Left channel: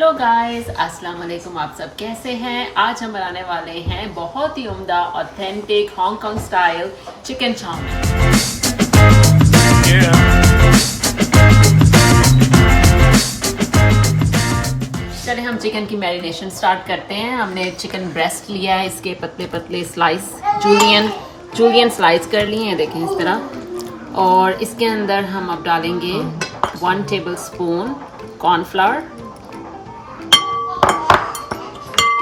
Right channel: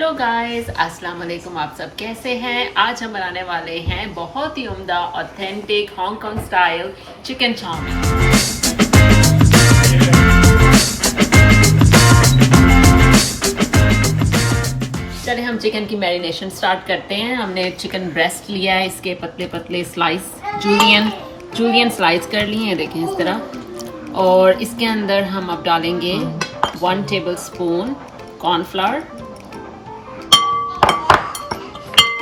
Hello guys, अस्सलाम वालेकुम। आप सब कैसे हैं? आज हम बनाने वाले हैं बहुत ही उम्दा authentic Hong Kong style chicken chow mein. चलिए हम चिकन की मैरिनेशन स्टार्ट करते हैं। हमने चिकन ब्रेस्ट लिया है, इसके पतले पतले स्लाइस जूलियन स्लाइस कर लिए हैं, देखें इस तरह। और इसके अंदर हम अब डालेंगे 1 table spoon cornflour,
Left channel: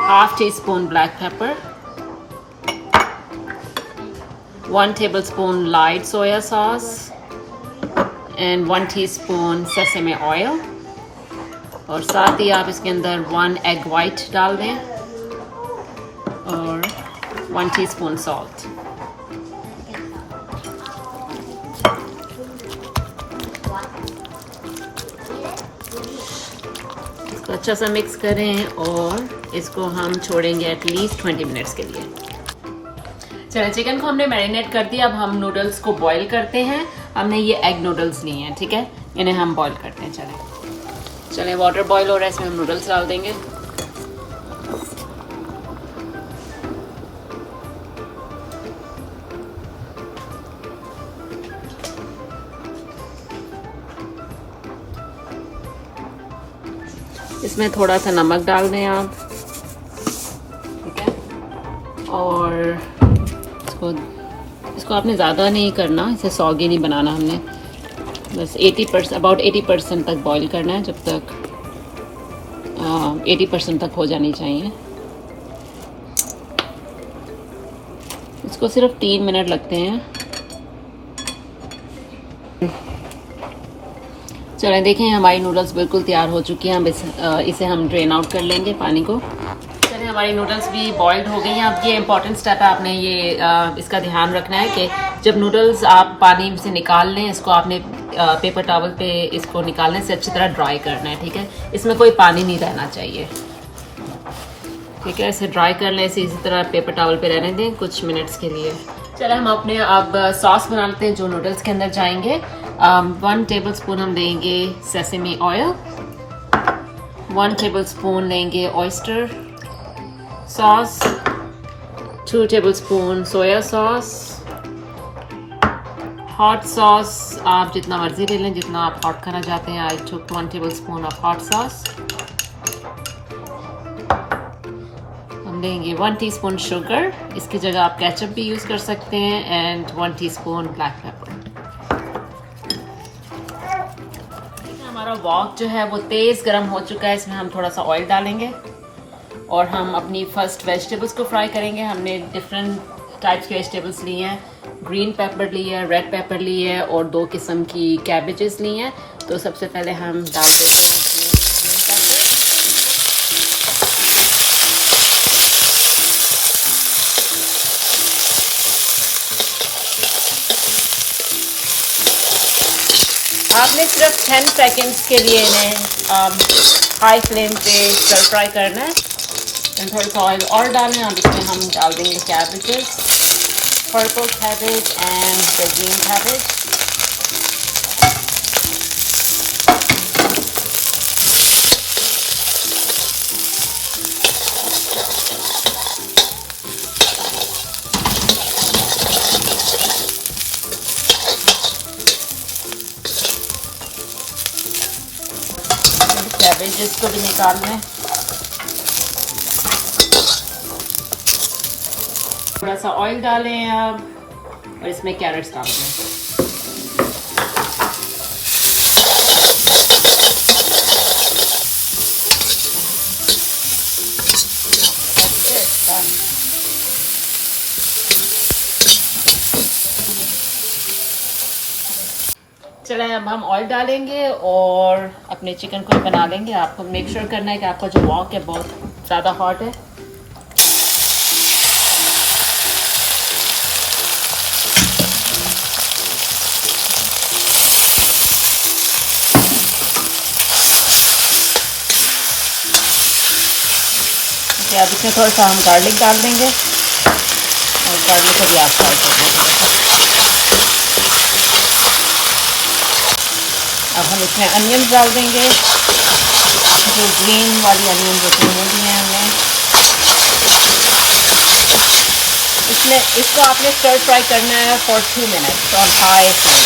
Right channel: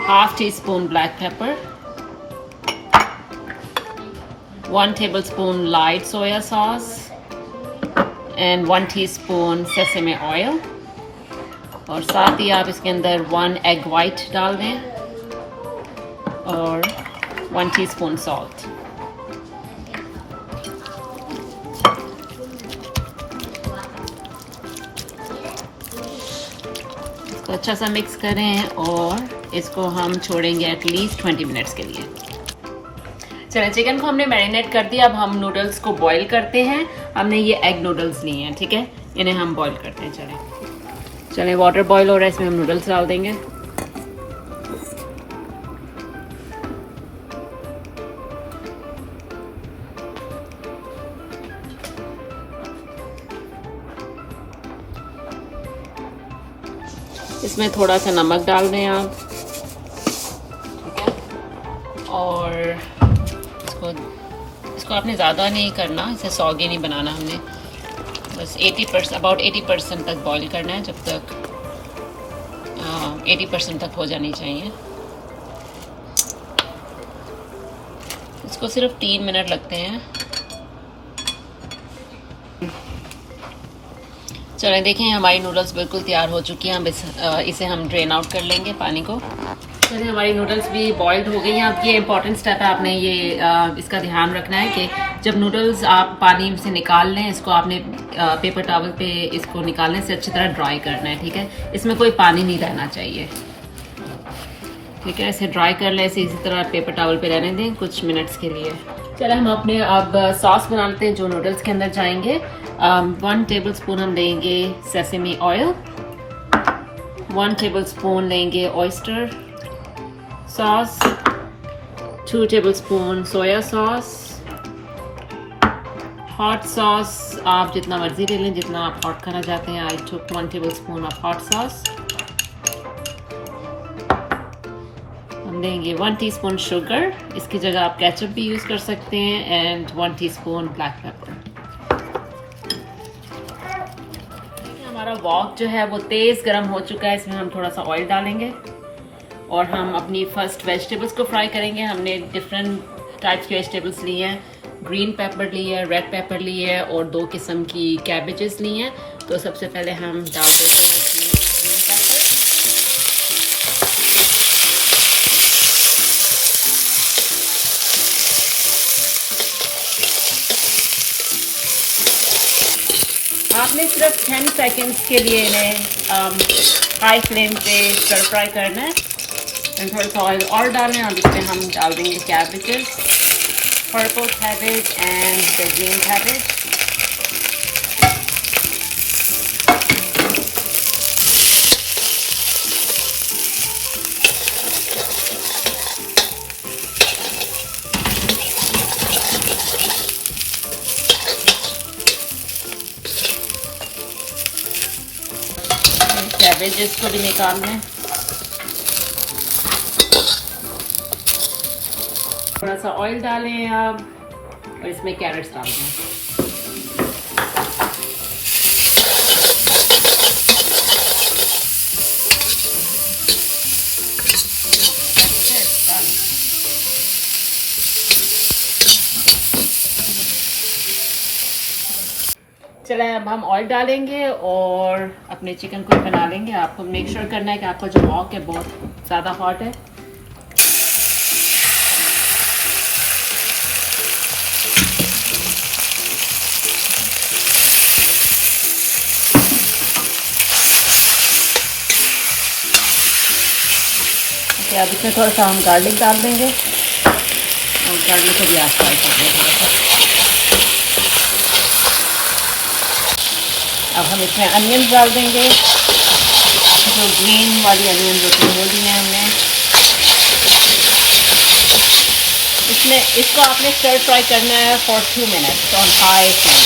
half tea spoon black pepper, 1 tablespoon light soya sauce and 1 teaspoon sesame oil। और साथ ही आप इसके अंदर 1 egg white डाल दें और 1 teaspoon salt। इसको अच्छा सा मिक्स करें और इसको हम छोड़ेंगे एटलीस्ट 20 मिनट्स के लिए। चलिए चिकन को हमने मैरिनेट कर दिया। अब हम नूडल्स को बॉईल करते हैं। हमने ये एग नूडल्स लिए हैं, ठीक है, इन्हें हम बॉईल करते हैं। चलिए वाटर बॉईल हो रहा है, इसमें हम नूडल्स डाल देंगे। इसमें थोड़ा सा नमक डाल दें आप, और इसको आपने ज़्यादा नहीं करना, इसे सॉगी नहीं बनाना। हमने बस 80% तक बॉईल करना है, जब तक 80% तक हो जानी चाहिए। इसको सिर्फ 3 मिनट लगते हैं। चलें देखें, हमारी नूडल्स बिल्कुल तैयार हो चुकी हैं। अब इसे हम ड्रेन आउट कर लेंगे पानी को। चलिए हमारी नूडल्स भी बॉइल्ड हो गई हैं। अब ये इंपॉर्टेंट स्टेप है, आपने ये इसका ध्यान रखना है कि जब नूडल्स आप पानी से निकाल लें, इसको आपने पेपर टॉवल पे इसको निकालने से अच्छी तरह ड्राई करना है, ठीक है। इसमें कोई पानी नहीं रहना चाहिए, ठीक है। इसे ड्राई कर लें, इसे इसी तरह पेपर टॉवल पे रहने दें कुछ मिनट्स के लिए। चलिए हम अपने अब सॉस बना लेते हैं जो नूडल्स के अंदर जाएंगे। 1 टेबल स्पून हम देंगे सेसमे ऑयल, 1 टेबल स्पून लेंगे oyster sauce, 2 tablespoon soya sauce, hot sauce आप जितना मर्जी ले लें, जितना आप हॉट खाना चाहते हैं। आई टुक 1 tablespoon ऑफ हॉट सॉस। हम देंगे 1 टीस्पून शुगर, इसकी जगह आप केचप भी यूज़ कर सकते हैं, एंड 1 टीस्पून ब्लैक पेपर। हमारा वॉक जो है वो तेज़ गर्म हो चुका है, इसमें हम थोड़ा सा ऑयल डालेंगे और हम अपनी फर्स्ट वेजिटेबल्स को फ्राई करेंगे। हमने डिफरेंट टाइप्स के वेजिटेबल्स लिए हैं, ग्रीन पेपर ली है, रेड पेपर ली है, और 2 किस्म की कैबेजेस ली हैं। तो सबसे पहले हम डाल देते हैं इसमें ग्रीन पेपर, आपने सिर्फ 10 सेकेंड्स के लिए इन्हें हाई फ्लेम पे स्टर फ्राई करना है। थोड़ा सा ऑयल और डालें। अब इसमें हम डाल देंगे cabbages, purple cabbage and the green cabbage. Cabbages को भी निकाल लें। थोड़ा सा ऑयल डालें आप और इसमें कैरेट्स डाल दें। चलें अब हम ऑयल डालेंगे और अपने चिकन को बना लेंगे। आपको मेक श्योर करना है कि आपका जो वॉक है बहुत ज़्यादा हॉट है। अब इसमें थोड़ा सा हम गार्लिक डाल देंगे और गार्लिक को भी आप फ्राई कर देंगे। अब हम इसमें अनियन डाल देंगे। जो ग्रीन वाली अनियन जो ले ली हैं हमने, इसको आपने स्टर फ्राई करना है for 2 minutes on high flame.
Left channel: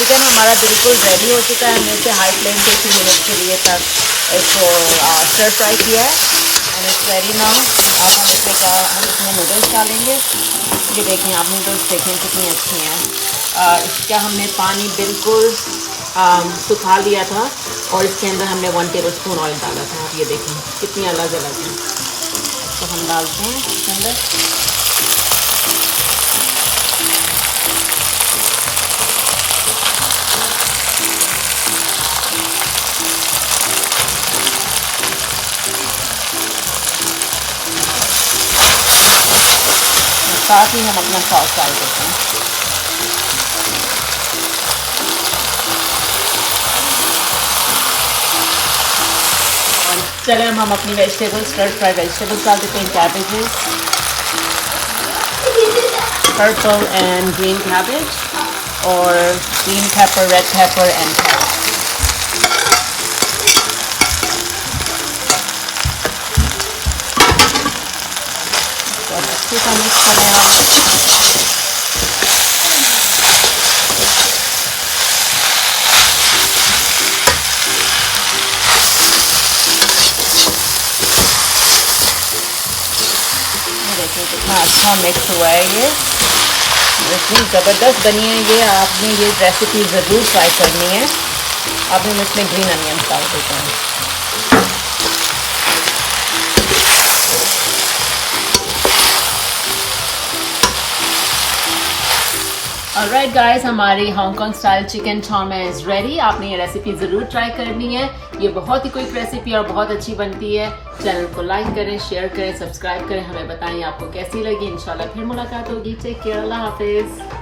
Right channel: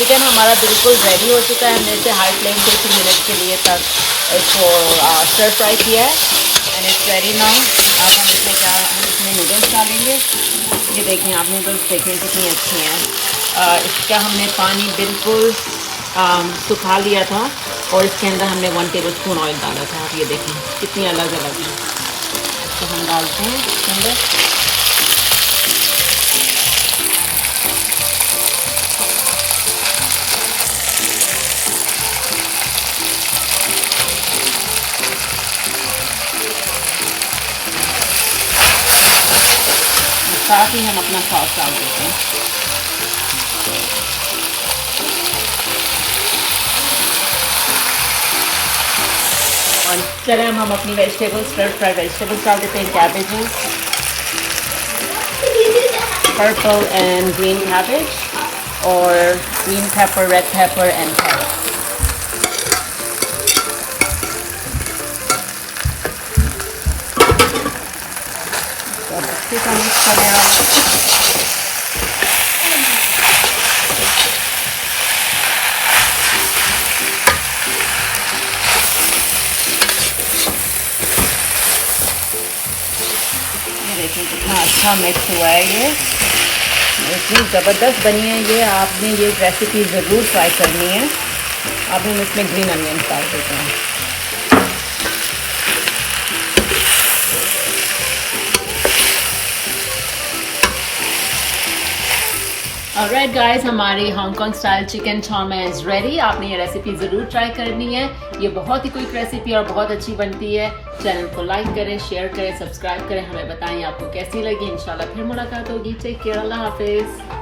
Chicken हमारा बिल्कुल रेडी हो चुका है। हमने इसे हाई फ्लेम पे 2 मिनट के लिए तक इसको स्टर फ्राई किया है एंड इट्स रेडी नाउ। अब हम इसमें नूडल्स डालेंगे। ये देखें आप, नूडल्स देखें कितनी अच्छी हैं। इसका हमने पानी बिल्कुल सुखा लिया था और इसके अंदर हमने 1 टेबलस्पून ऑयल डाला था। आप ये देखें कितनी अलग अलग है। तो हम डालते हैं इसके अंदर। साथ ही हम अपना सॉस डाल देते हैं। और चले हम अपनी वेजिटेबल्स, स्टर फ्राई वेजिटेबल्स डाल देते हैं। Cabbages, purple and green cabbage और green pepper, red pepper and carrot. अच्छे से मिक्स करें आप। देखिए कितना अच्छा मिक्स हुआ है ये, इतनी ज़बरदस्त बनी है ये। आपने ये रेसिपी ज़रूर ट्राई करनी है। अब हम इसमें ग्रीन अनियन डाल देते हैं। ऑलराइट गाइस, हमारी Hong Kong style chicken chow mein is ready. आपने ये रेसिपी ज़रूर ट्राई करनी है। ये बहुत ही क्विक रेसिपी और बहुत अच्छी बनती है। चैनल को लाइक करें, शेयर करें, सब्सक्राइब करें। हमें बताएं आपको कैसी लगी। इंशाल्लाह फिर मुलाकात होगी। टेक केयर, अल्लाह हाफिज़।